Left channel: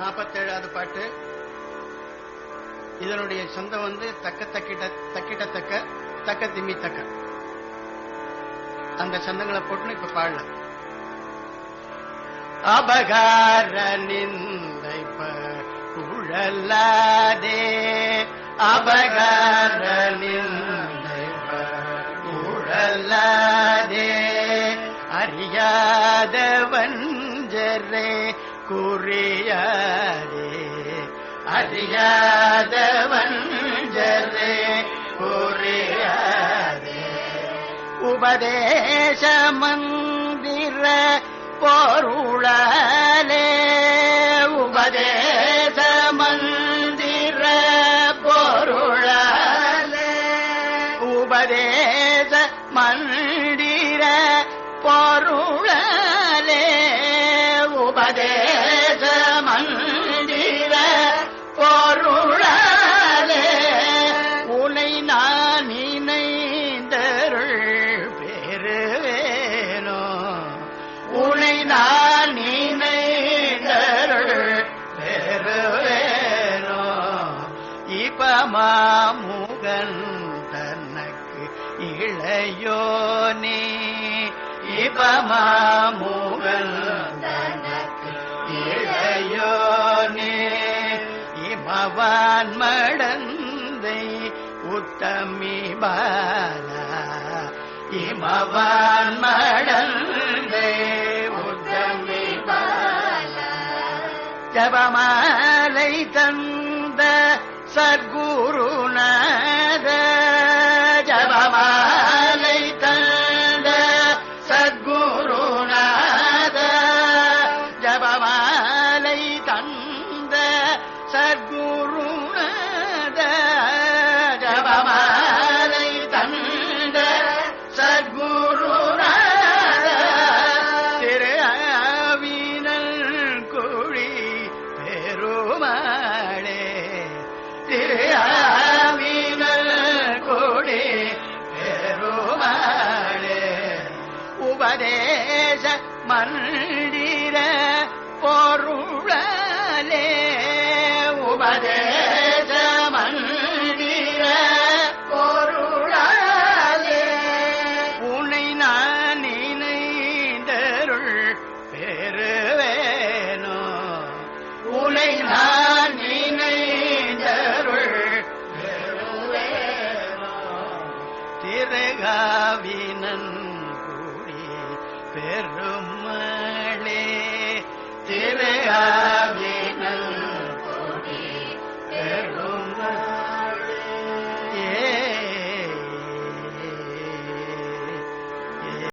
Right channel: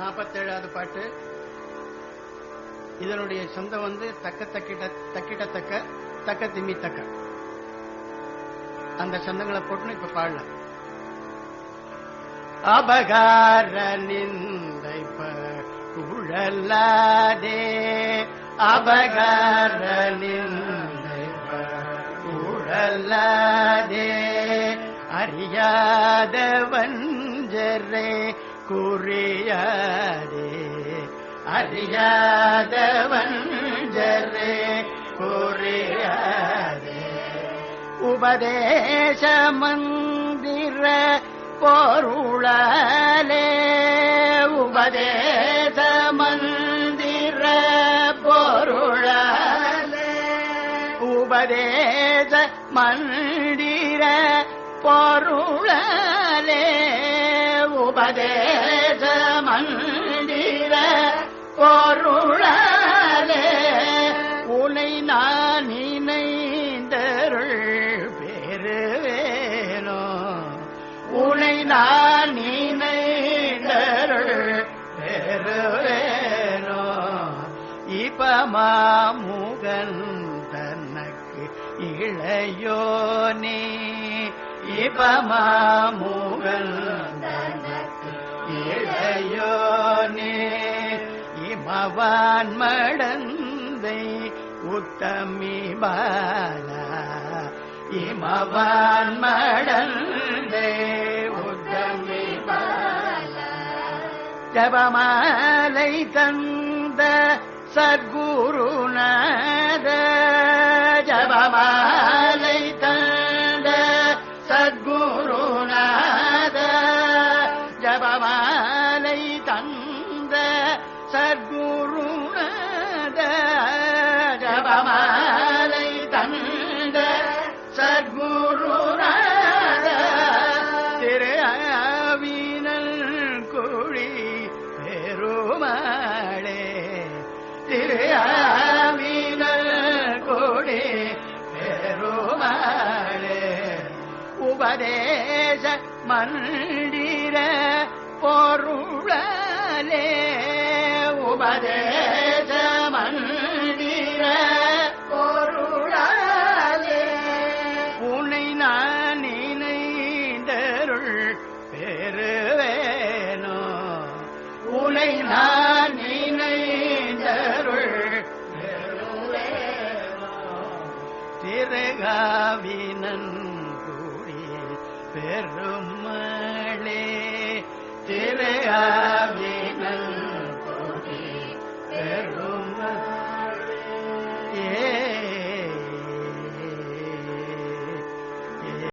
நாற்பத்தேழாவது பாட்டு. இதனுடைய சொந்தம் வந்து தக்க தக்கிட்ட தக்கிட்டத்தக்க தக்க தக்க திம்மி தக்க அந்த சந்தங்களை போட்டுன்னு இப்ப பாடலாம். அபகார நிந்தை உழல்லாதே அபகார நிந்தை உழல்லாதே அறியாதவன் வஞ்சரே. குறியாதே அறியாத வஞ்சரே குறியாதே. உபதேச மந்திர பொருளாலே உபதேச மந்திர பொருளாலே. உபதேச மந்திர பொருளாலே உபதே மாமுகன் தனக்கு இளையோனே. இப்பமாமுகன் தனக்கு இளையோனே. இமவான் மடந்தை உத்தமி பாலா. இமவான் மடந்தை உத்தமி பாலா. ஜபமாலை சத்குருநாத ஜபமாலை தந்த சத்குருநாத ஜபமாலை தந்த சத்குருநாத ஜபமாலை தந்த சத்குரு തിരുവീനൽകൂടി ഉപദേശ മണ്ണ திரகாவினன் கூடி பெருமளே திரை